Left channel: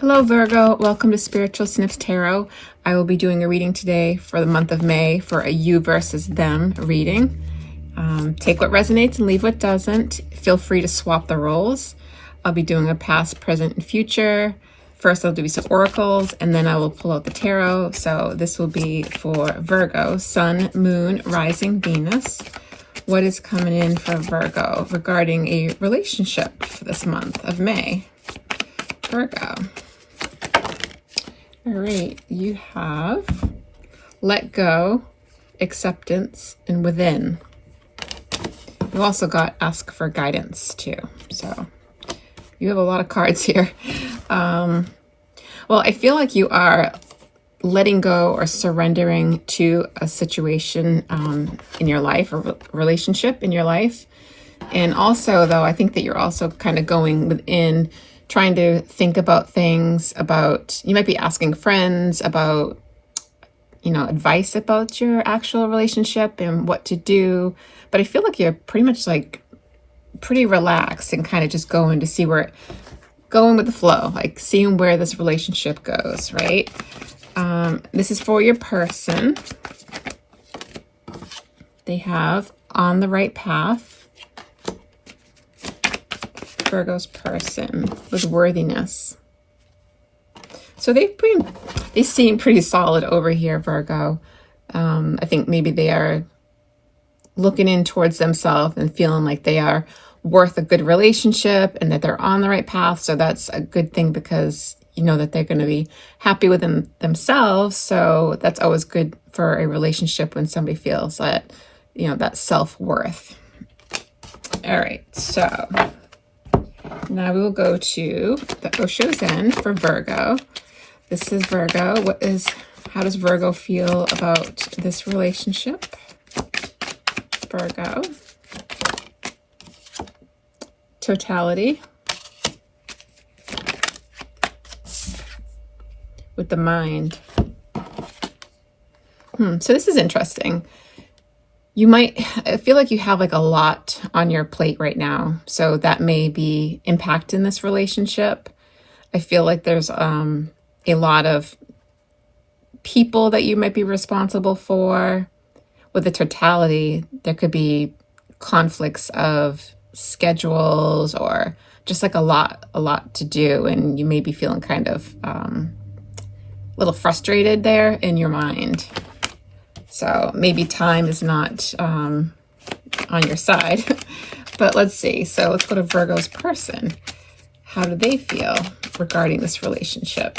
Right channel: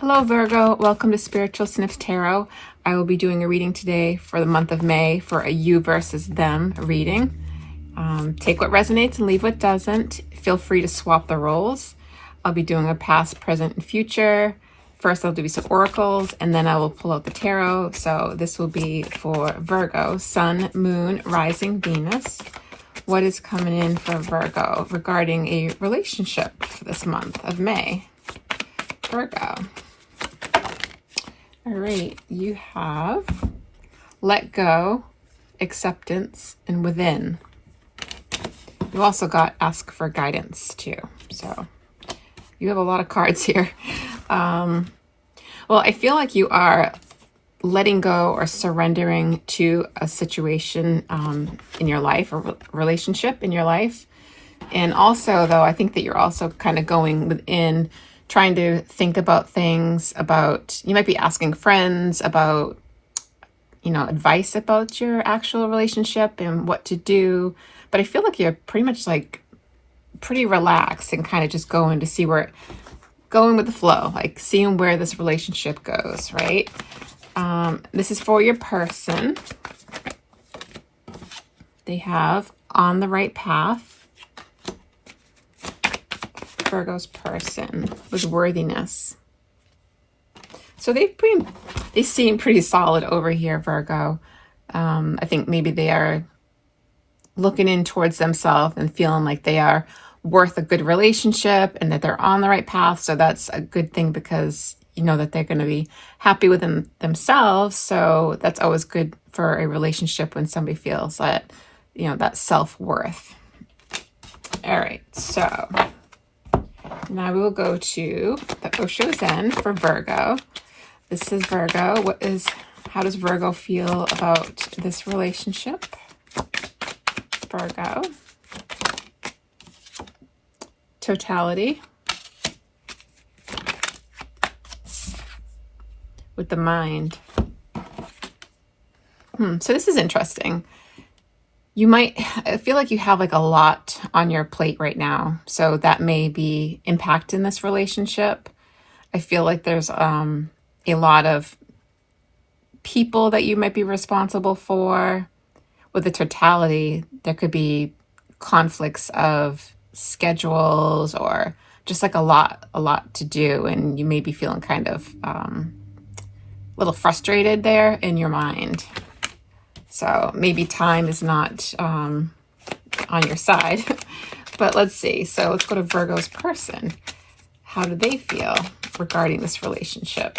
Hello Virgo, welcome to Spiritual Snips Tarot. I will be doing a reading today for the month of May for a you versus them reading. Take what resonates and leave what doesn't. Feel free to swap the roles. I'll be doing a past, present, and future. First I'll do some oracles and then I will pull out the tarot. So this will be for Virgo, Sun, Moon, Rising, Venus. What is coming in for Virgo regarding a relationship for this month of May? Virgo. All right, you have let go, acceptance, and within. You also got ask for guidance too. So you have a lot of cards here. Well, I feel like you are letting go or surrendering to a situation in your life, or relationship in your life. And also, though, I think that you're also kind of going within, trying to think about things about, you might be asking friends about, advice about your actual relationship and what to do. But I feel like you're pretty much like pretty relaxed and kind of just going to see going with the flow, like seeing where this relationship goes, right? This is for your person. They have on the right path. Virgo's person with worthiness. So they seem pretty solid over here, Virgo. I think maybe they are looking in towards themselves and feeling like they are worth a good relationship and that they're on the right path. So that's a good thing because you know that they're going to be happy with themselves. So that's always good for a relationship when somebody feels that, that self-worth. All right, so now we will go to the Osho Zen for Virgo. This is Virgo. How does Virgo feel about this relationship? Virgo. Totality. With the mind. So this is interesting. I feel like you have like a lot on your plate right now. So that may be impacting this relationship. I feel like there's a lot of people that you might be responsible for. With the totality, there could be conflicts of schedules or just like a lot to do. And you may be feeling kind of a little frustrated there in your mind. So maybe time is not on your side, but let's see. So let's go to Virgo's person. How do they feel regarding this relationship?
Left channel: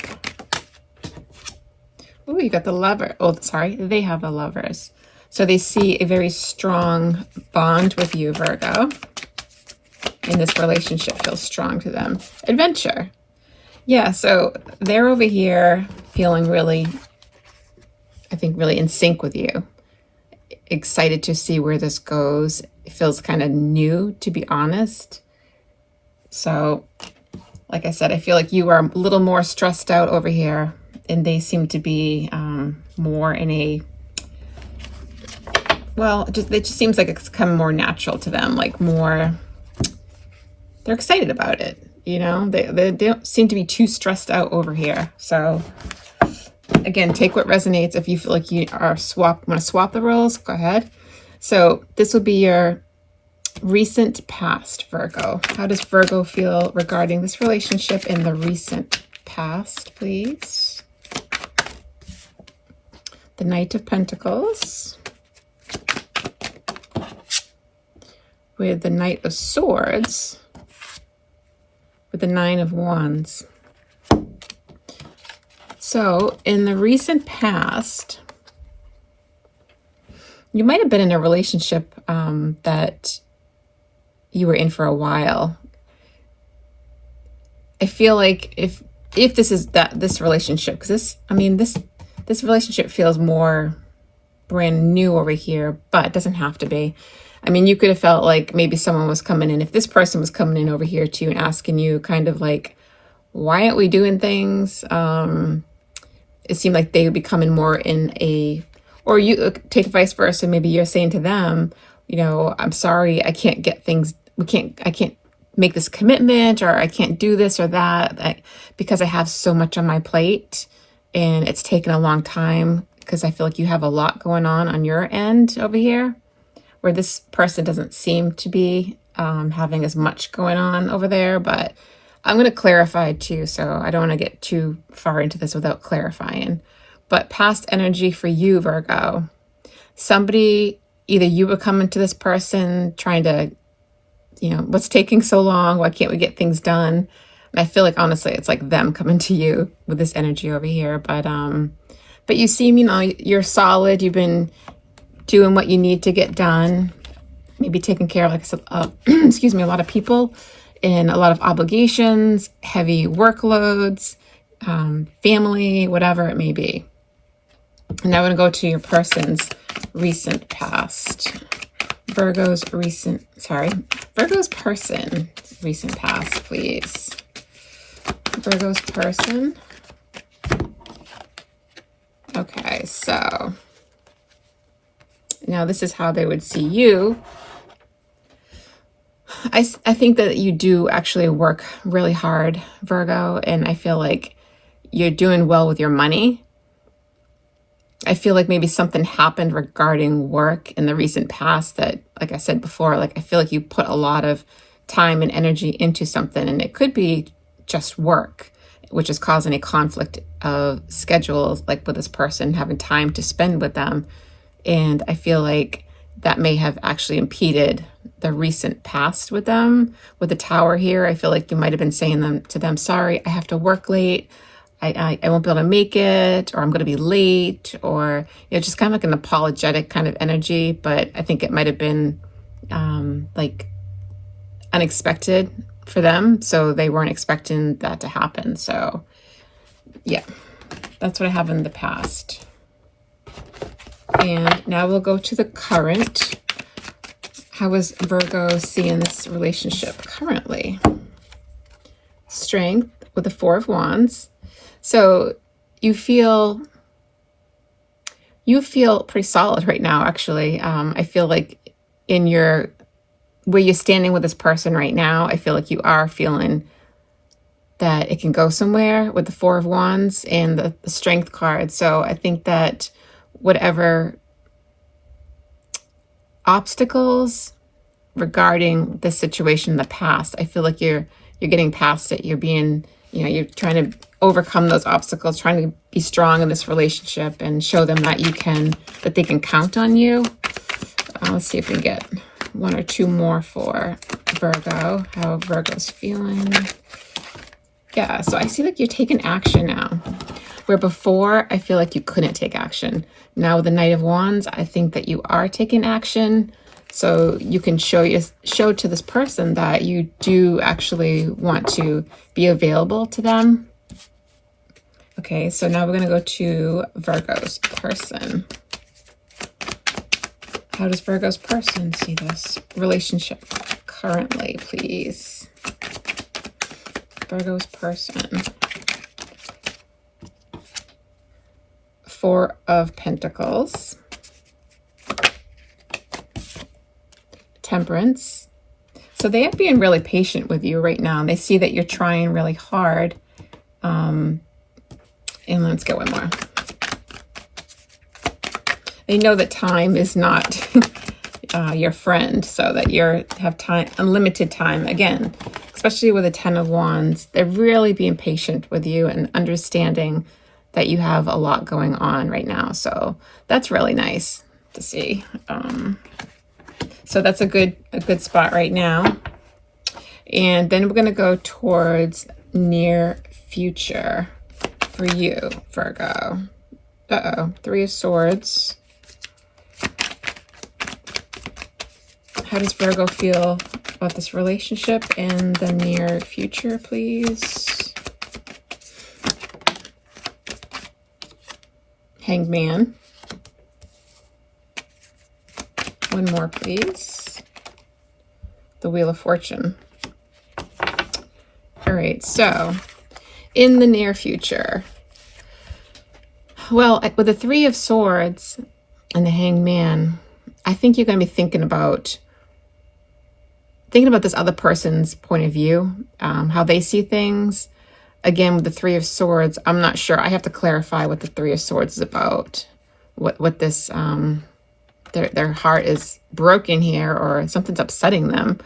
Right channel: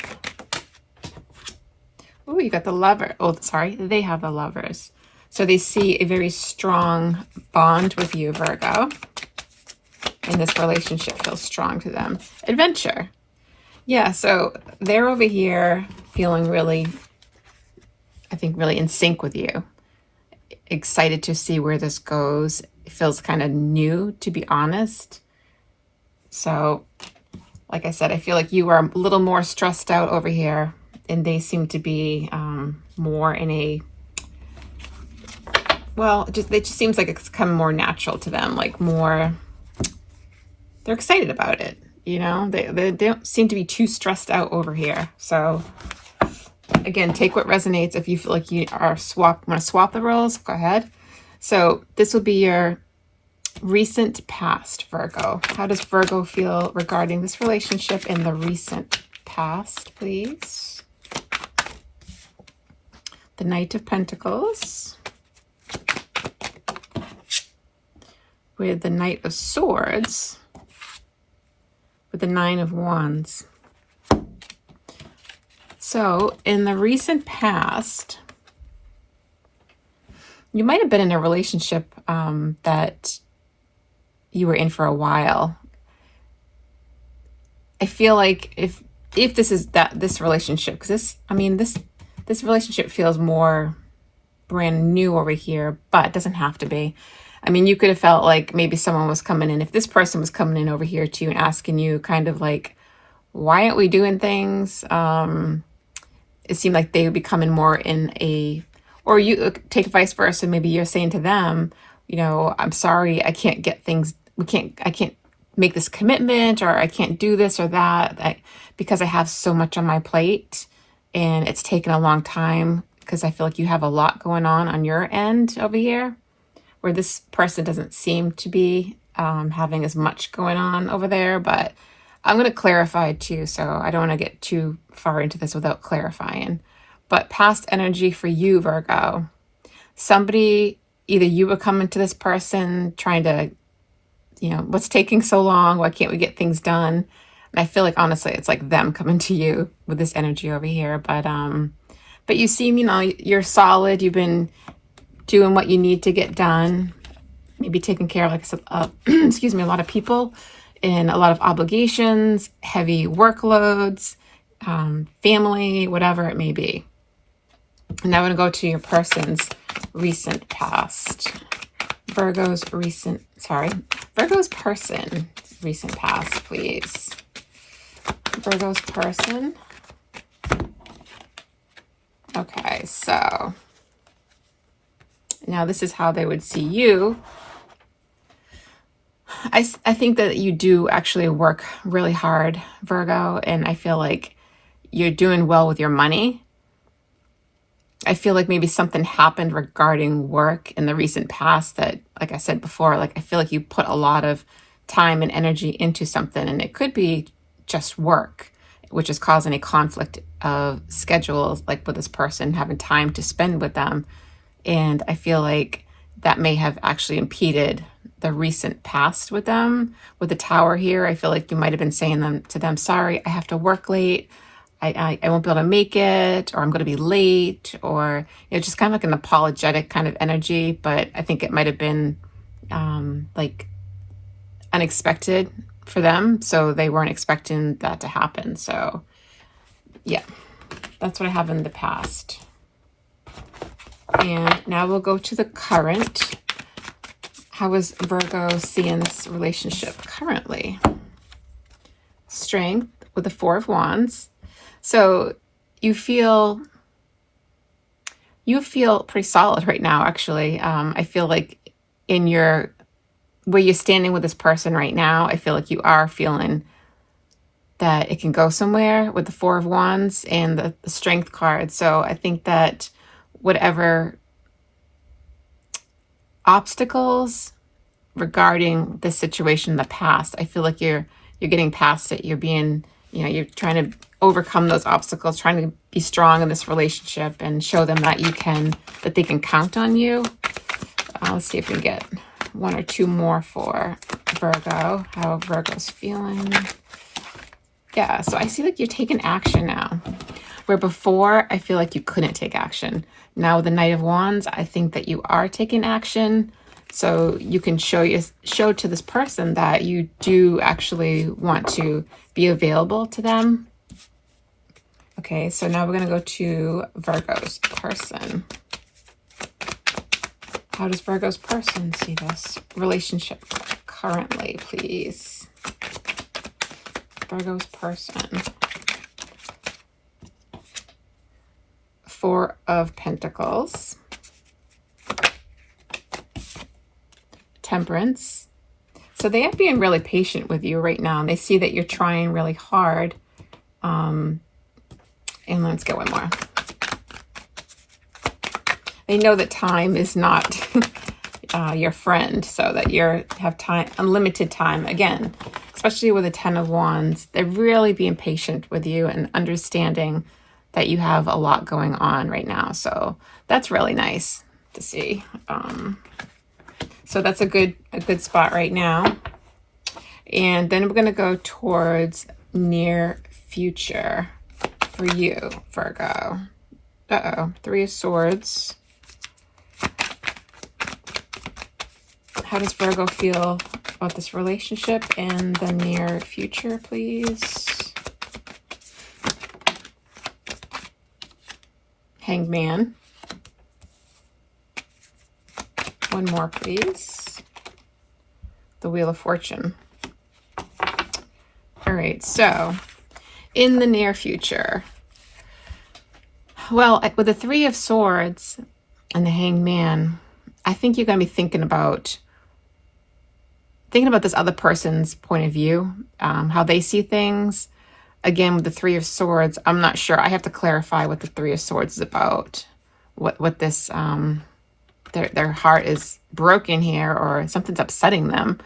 Oh, you got the lover. Oh, sorry, they have the lovers. So they see a very strong bond with you, Virgo. And this relationship feels strong to them. Adventure. Yeah, so they're over here feeling really, I think, really in sync with you. Excited to see where this goes. It feels kind of new, to be honest. So, like I said, I feel like you are a little more stressed out over here, and they seem to be more in a, it just seems like it's come more natural to them, like more, they're excited about it, They don't seem to be too stressed out over here. So, again, take what resonates. If you feel like you want to swap the roles, go ahead. So this will be your recent past, Virgo. How does Virgo feel regarding this relationship in the recent past, please? The Knight of Pentacles. With the Knight of Swords. With the Nine of Wands. So, in the recent past, you might have been in a relationship that you were in for a while. I feel like if this is this relationship, because this relationship feels more brand new over here, but it doesn't have to be. You could have felt like maybe someone was coming in, if this person was coming in over here to you and asking you kind of like, why aren't we doing things? It seemed like they would be coming more in or you take vice versa. Maybe you're saying to them, I'm sorry, I can't get things, I can't make this commitment, or I can't do this or that, because I have so much on my plate and it's taken a long time, because I feel like you have a lot going on your end over here, where this person doesn't seem to be having as much going on over there. But I'm going to clarify too, so I don't want to get too far into this without clarifying. But past energy for you, Virgo, somebody, either you were coming to this person trying to, what's taking so long? Why can't we get things done? And I feel like, honestly, it's like them coming to you with this energy over here. But you seem, you're solid. You've been doing what you need to get done. Maybe taking care of, like I said, excuse me, a lot of people and a lot of obligations, heavy workloads, family, whatever it may be. And now I'm going to go to your person's recent past. Virgo's person, recent past, please. Virgo's person. Okay, so now this is how they would see you. I think that you do actually work really hard, Virgo, and I feel like you're doing well with your money. I feel like maybe something happened regarding work in the recent past that, like I said before, like I feel like you put a lot of time and energy into something, and it could be just work, which is causing a conflict of schedules, like with this person having time to spend with them. And I feel like that may have actually impeded the recent past with them. With the Tower here, I feel like you might have been saying to them, sorry, I have to work late. I won't be able to make it, or I'm going to be late, or just kind of like an apologetic kind of energy. But I think it might have been like unexpected for them, so they weren't expecting that to happen. So yeah, that's what I have in the past. And now we'll go to the current. How is Virgo seeing this relationship currently? Strength with the Four of Wands. So you feel pretty solid right now, actually. I feel like where you're standing with this person right now, I feel like you are feeling that it can go somewhere with the Four of Wands and the Strength card. So I think that whatever obstacles regarding the situation in the past, I feel like you're getting past it. You're being, you're trying to overcome those obstacles, trying to be strong in this relationship and show them that that they can count on you. Let's see if we can get one or two more for Virgo, how Virgo's feeling. Yeah, so I see like you're taking action now, where before I feel like you couldn't take action. Now with the Knight of Wands, I think that you are taking action. So you can show to this person that you do actually want to be available to them. Okay, so now we're going to go to Virgo's person. How does Virgo's person see this relationship currently, please? Virgo's person. Four of Pentacles. Temperance. So they are being really patient with you right now. They see that you're trying really hard. And let's get one more. They know that time is not your friend, so that you have time, unlimited time. Again, especially with the Ten of Wands, they're really being patient with you and understanding that you have a lot going on right now. So that's really nice to see. So that's a good spot right now. And then we're going to go towards near future for you, Virgo. Three of Swords. How does Virgo feel about this relationship in the near future, please? Hanged Man. One more, please. The Wheel of Fortune. All right, so in the near future, well, with the Three of Swords and the Hanged Man, I think you're going to be thinking about thinking about this other person's point of view, how they see things. Again, with the Three of Swords, I'm not sure. I have to clarify what the Three of Swords is about. What this, their heart is broken here, or something's upsetting them.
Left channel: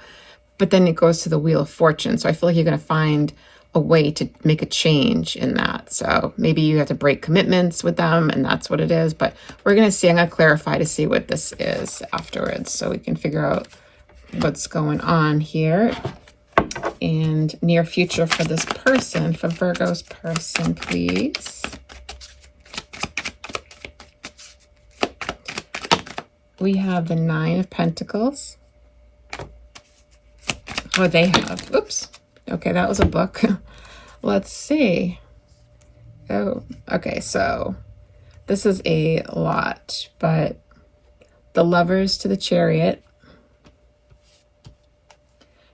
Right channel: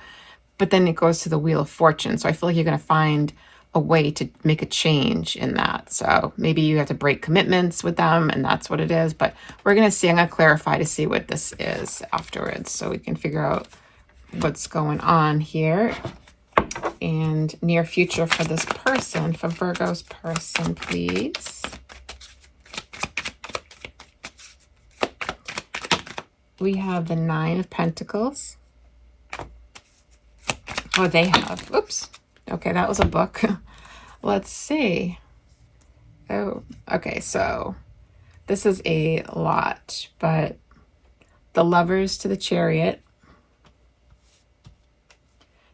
But then it goes to the Wheel of Fortune. So I feel like you're going to find a way to make a change in that. So maybe you have to break commitments with them, and that's what it is. But we're going to see. I'm going to clarify to see what this is afterwards, so we can figure out what's going on here. And near future for this person, for Virgo's person, please. We have the Nine of Pentacles. Oh, they have. Oops. Okay, that was a book. Let's see. Oh, okay, so this is a lot, but the Lovers to the Chariot.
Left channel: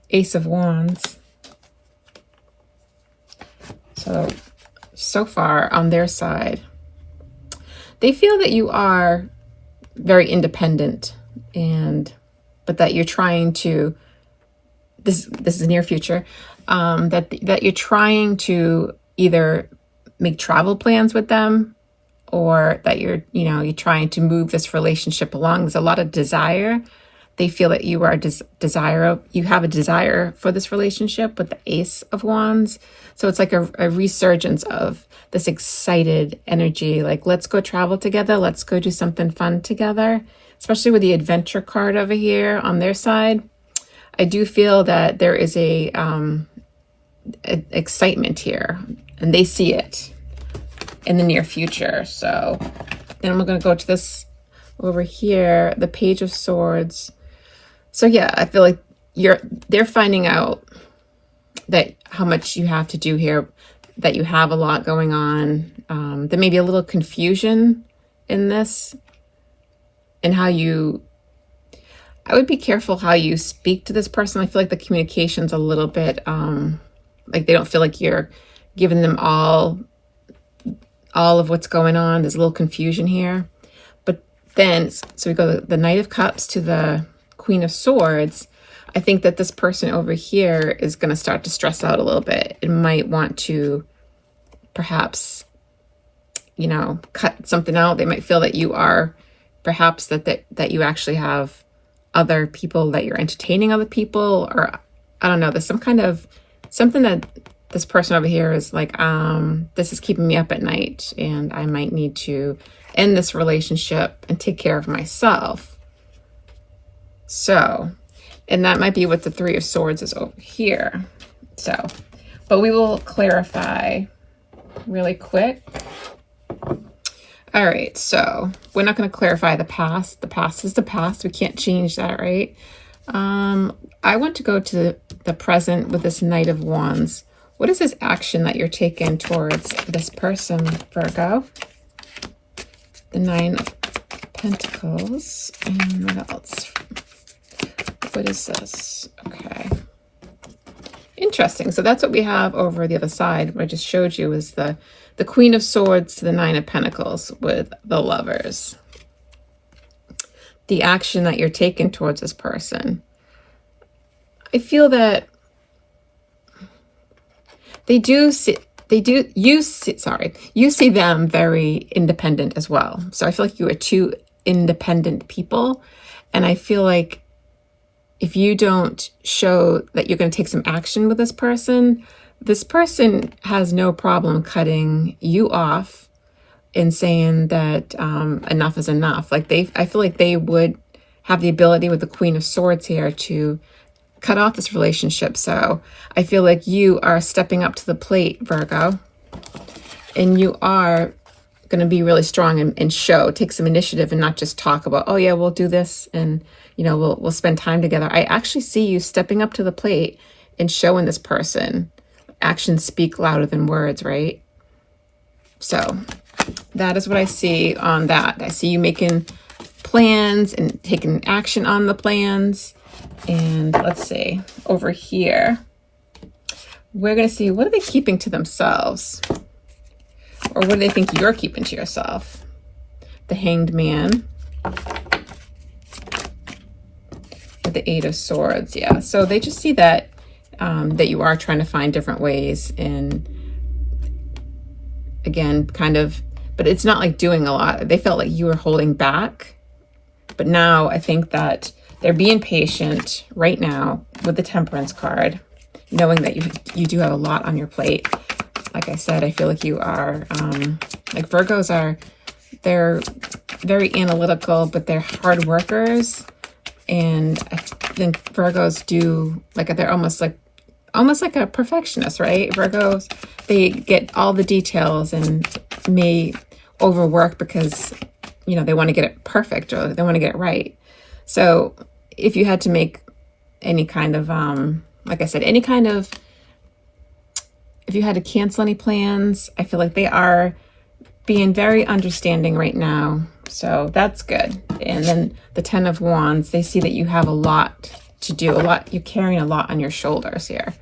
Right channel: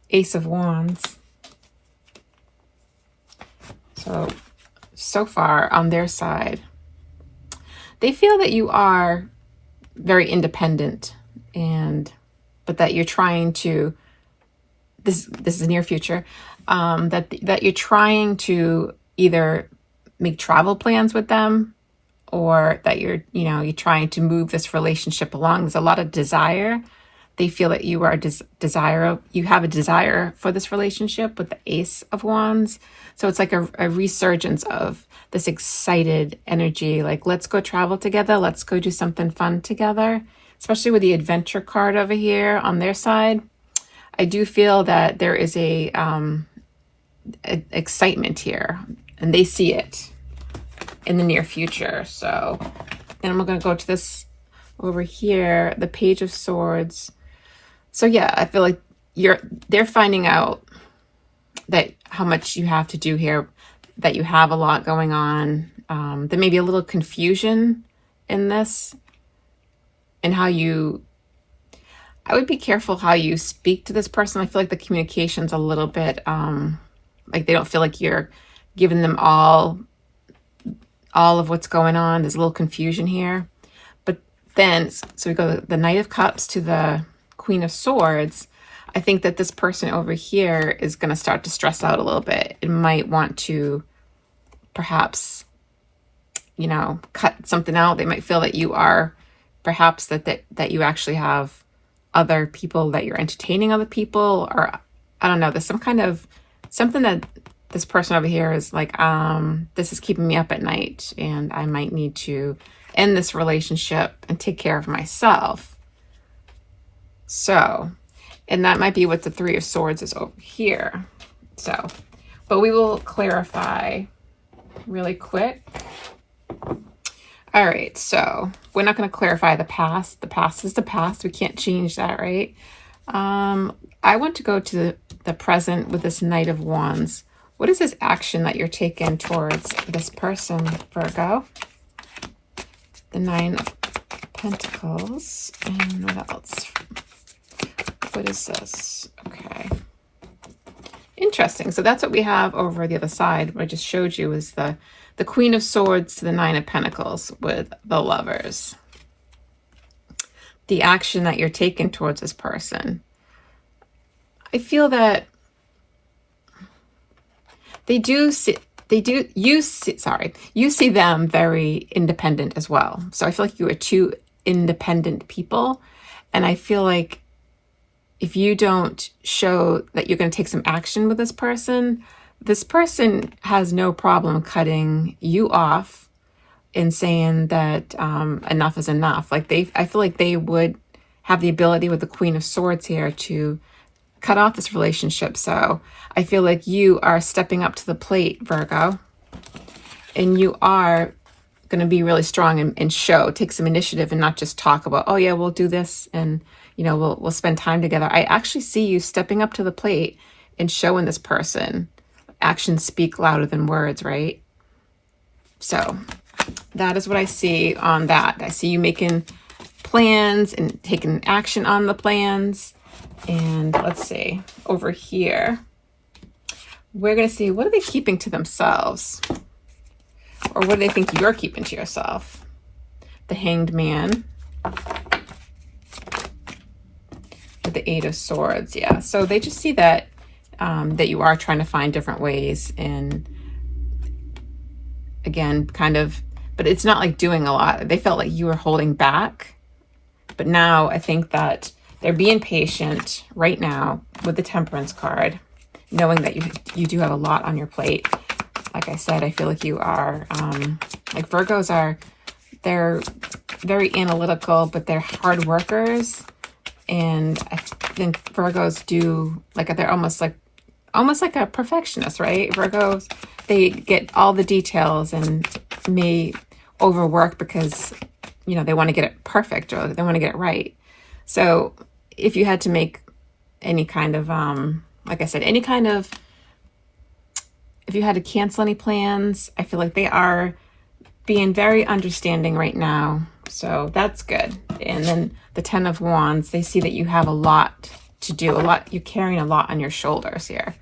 Ace of Wands. So far on their side, they feel that you are very independent, but that you're trying to, this is near future, that you're trying to either make travel plans with them, or that you're trying to move this relationship along. There's a lot of desire. They feel that you are you have a desire for this relationship with the Ace of Wands. So it's like a resurgence of this excited energy, like, let's go travel together, let's go do something fun together, especially with the Adventure card over here on their side. I do feel that there is a excitement here, and they see it in the near future. So then we're going to go to this over here, the Page of Swords. So yeah, I feel like they're finding out that how much you have to do here, that you have a lot going on. There may be a little confusion in this, and I would be careful how you speak to this person. I feel like the communication's a little bit, like they don't feel like you're giving them all of what's going on. There's a little confusion here. But then, so we go the Knight of Cups to the Queen of Swords. I think that this person over here is going to start to stress out a little bit. It might want to perhaps, cut something out. They might feel that you are perhaps that you actually have other people, that you're entertaining other people, or I don't know. There's something that this person over here is like, this is keeping me up at night, and I might need to end this relationship and take care of myself. So, and that might be what the Three of Swords is over here. So, but we will clarify really quick. All right, so we're not going to clarify the past. The past is the past. We can't change that, right? I want to go to the present with this Knight of Wands. What is this action that you're taking towards this person, Virgo? The Nine of Pentacles. And what else? What is this? Okay. Interesting. So that's what we have over the other side. What I just showed you is the Queen of Swords to the Nine of Pentacles with the Lovers. The action that you're taking towards this person. I feel that you see them very independent as well. So I feel like you are two independent people. And I feel like if you don't show that you're going to take some action with this person has no problem cutting you off and saying that enough is enough. Like I feel like they would have the ability with the Queen of Swords here to cut off this relationship. So I feel like you are stepping up to the plate, Virgo, and you are going to be really strong and take some initiative and not just talk about, oh yeah, we'll do this and we'll spend time together. I actually see you stepping up to the plate and showing this person. Actions speak louder than words, right? So that is what I see on that. I see you making plans and taking action on the plans. And let's see, over here, we're going to see, what are they keeping to themselves? Or what do they think you're keeping to yourself? The Hanged Man. with the Eight of Swords. Yeah, so they just see that that you are trying to find different ways, and again, kind of, but it's not like doing a lot. They felt like you were holding back, but now I think that they're being patient right now with the Temperance card, knowing that you do have a lot on your plate. Like I said, I feel like you are, like Virgos are, they're very analytical, but they're hard workers. And I think Virgos do, like, they're almost like a perfectionist, right? Virgos, they get all the details and may overwork because, you know, they want to get it perfect or they want to get it right. So if you had to make any kind of, like I said, any kind of, if you had to cancel any plans, I feel like they are being very understanding right now. So that's good. And then the Ten of Wands, they see that you have a lot to do, you're carrying a lot on your shoulders here.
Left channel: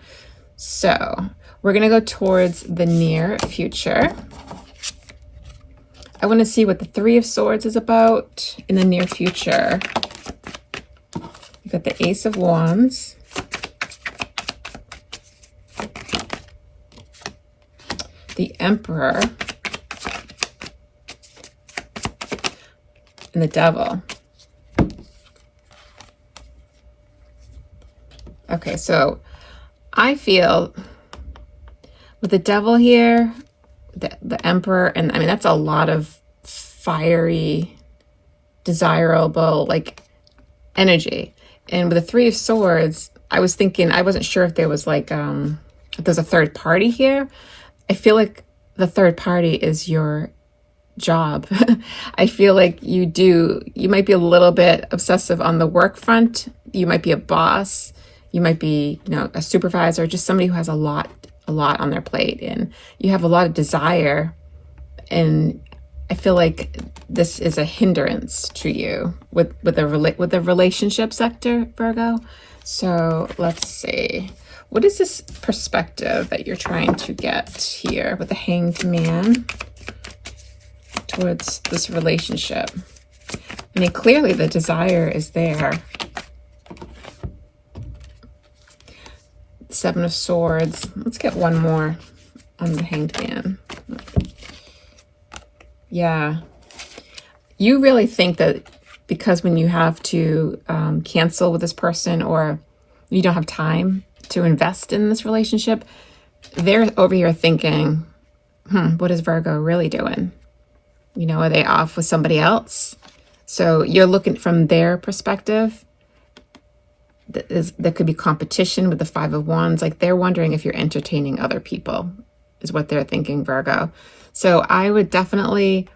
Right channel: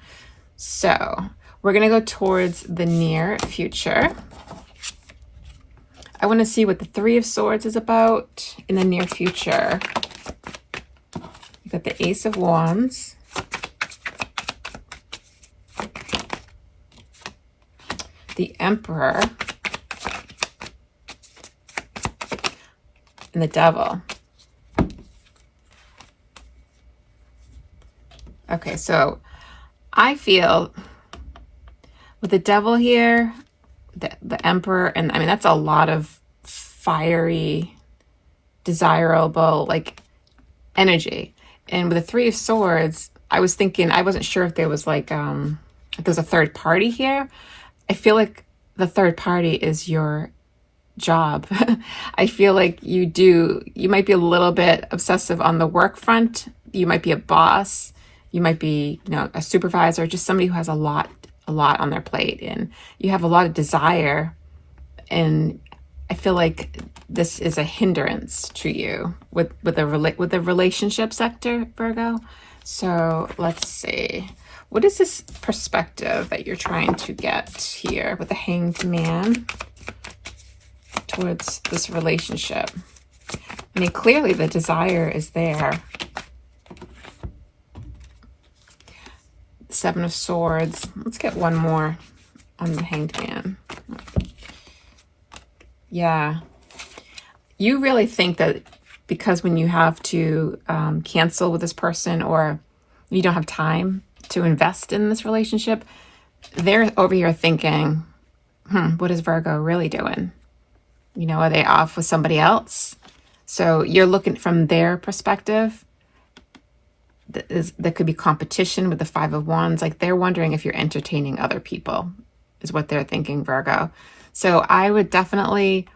So we're going to go towards the near future. I want to see what the Three of Swords is about in the near future. You've got the Ace of Wands, the Emperor, and the Devil. Okay, so I feel with the Devil here, the Emperor, and I mean, that's a lot of fiery, desirable, like, energy. And with the Three of Swords, I was thinking, I wasn't sure if there was like, if there's a third party here. I feel like the third party is your job. I feel like you might be a little bit obsessive on the work front. You might be a boss. You might be, you know, a supervisor, just somebody who has a lot on their plate, and you have a lot of desire. And I feel like this is a hindrance to you with the relationship sector, Virgo. So let's see. What is this perspective that you're trying to get here with the Hanged Man towards this relationship? I mean, clearly the desire is there. Seven of Swords. Let's get one more on the Hanged Man. Yeah. You really think that because when you have to cancel with this person, or you don't have time to invest in this relationship, they're over here thinking, what is Virgo really doing? You know, are they off with somebody else? So you're looking from their perspective. There could be competition with the Five of Wands. Like, they're wondering if you're entertaining other people, is what they're thinking, Virgo. So I would definitely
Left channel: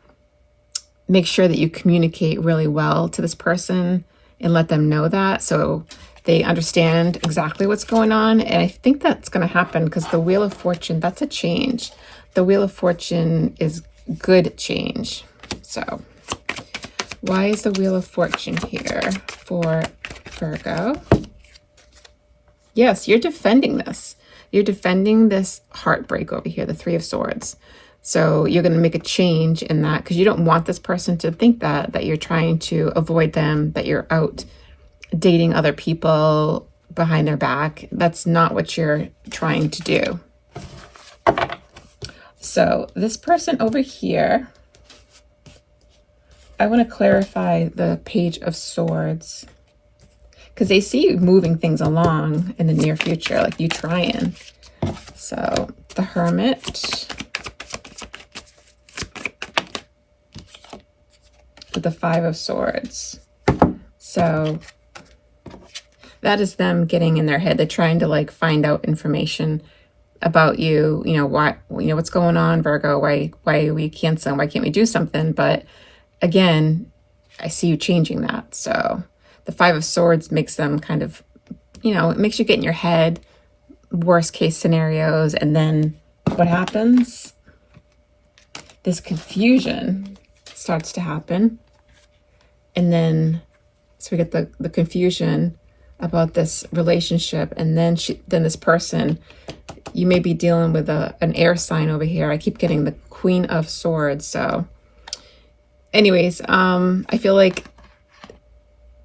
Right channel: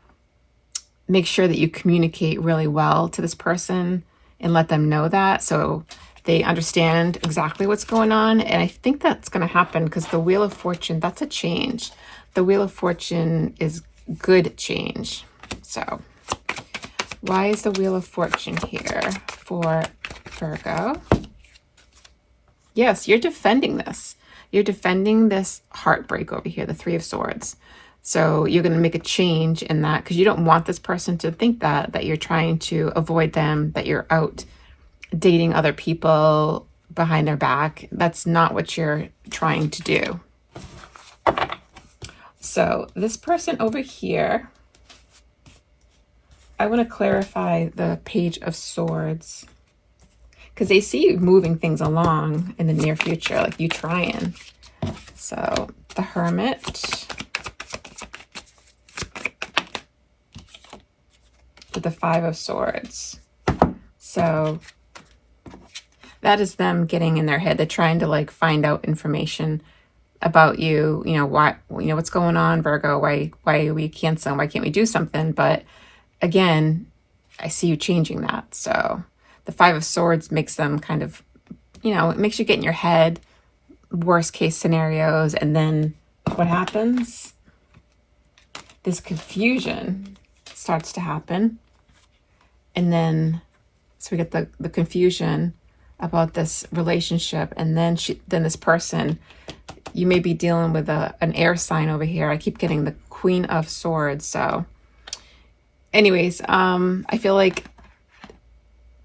make sure that you communicate really well to this person and let them know that, so they understand exactly what's going on. And I think that's going to happen because the Wheel of Fortune, that's a change. The Wheel of Fortune is good change. So why is the Wheel of Fortune here for Virgo? Yes, you're defending this. You're defending this heartbreak over here, the Three of Swords. So you're going to make a change in that because you don't want this person to think that you're trying to avoid them, that you're out dating other people behind their back. That's not what you're trying to do. So this person over here, I want to clarify the Page of Swords because they see you moving things along in the near future, like you trying. So the Hermit with the Five of Swords. So that is them getting in their head. They're trying to like find out information about you. You know, why, you know, what's going on, Virgo? Why are we canceling? Why can't we do something? But again, I see you changing that. So the Five of Swords makes them kind of, you know, it makes you get in your head, worst case scenarios. And then what happens? This confusion starts to happen. And then, so we get the confusion about this relationship. And then this person, you may be dealing with an air sign over here. I keep getting the Queen of Swords. So anyways, I feel like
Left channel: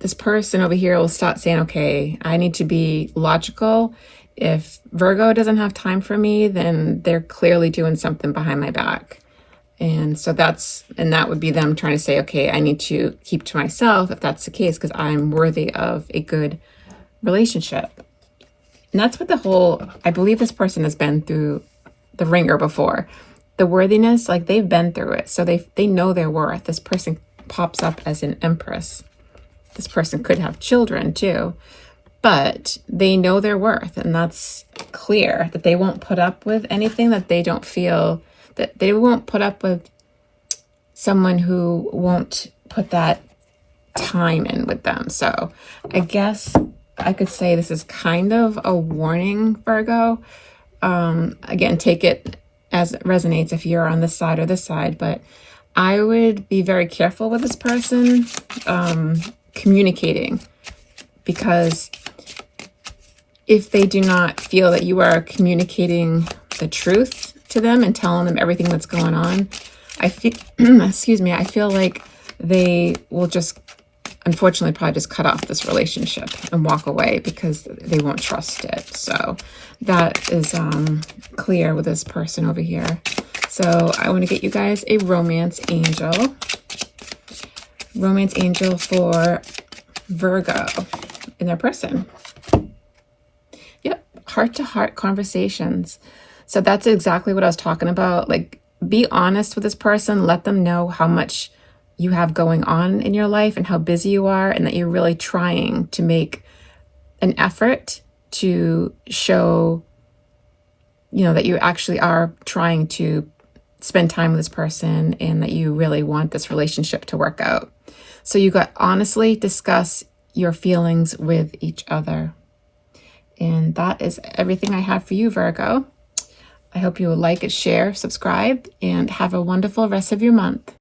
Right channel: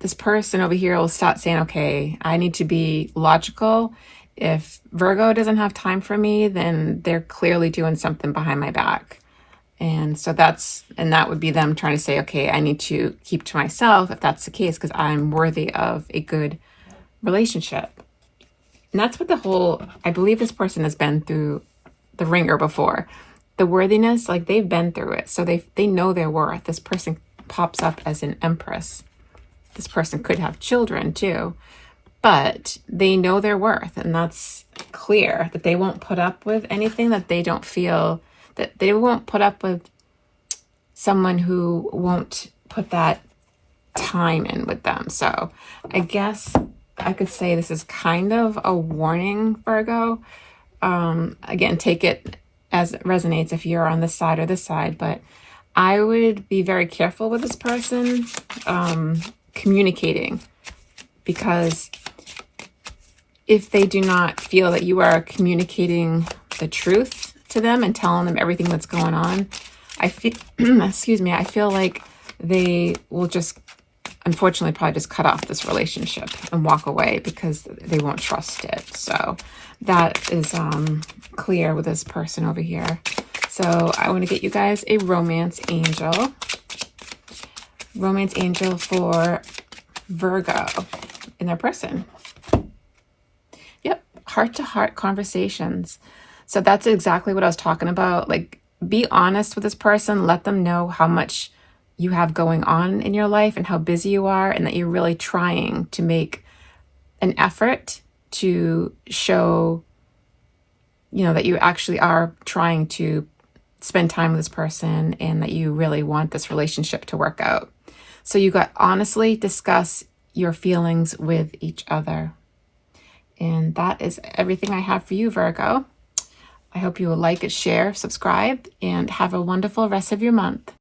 this person over here will start saying, okay, I need to be logical. If Virgo doesn't have time for me, then they're clearly doing something behind my back. And so that would be them trying to say, okay, I need to keep to myself if that's the case, because I'm worthy of a good relationship. And that's what I believe this person has been through the ringer before. The worthiness, like they've been through it. So they know their worth. This person pops up as an empress. This person could have children too, but they know their worth. And that's clear that they won't put up with anything that they don't feel, that they won't put up with someone who won't put that time in with them. So I guess I could say this is kind of a warning, Virgo. Again, take it as it resonates if you're on this side or this side, but I would be very careful with this person communicating, because if they do not feel that you are communicating the truth to them and telling them everything that's going on, I feel, excuse me, I feel like they will just, unfortunately, probably just cut off this relationship and walk away because they won't trust it. So that is clear with this person over here. So I want to get you guys a romance angel. Romance angel for Virgo in their person. Yep, heart-to-heart conversations. So that's exactly what I was talking about. Like, be honest with this person. Let them know how much you have going on in your life and how busy you are, and that you're really trying to make an effort to show, that you actually are trying to spend time with this person and that you really want this relationship to work out. So you got honestly discuss your feelings with each other. And that is everything I have for you, Virgo. I hope you will like it, share, subscribe, and have a wonderful rest of your month.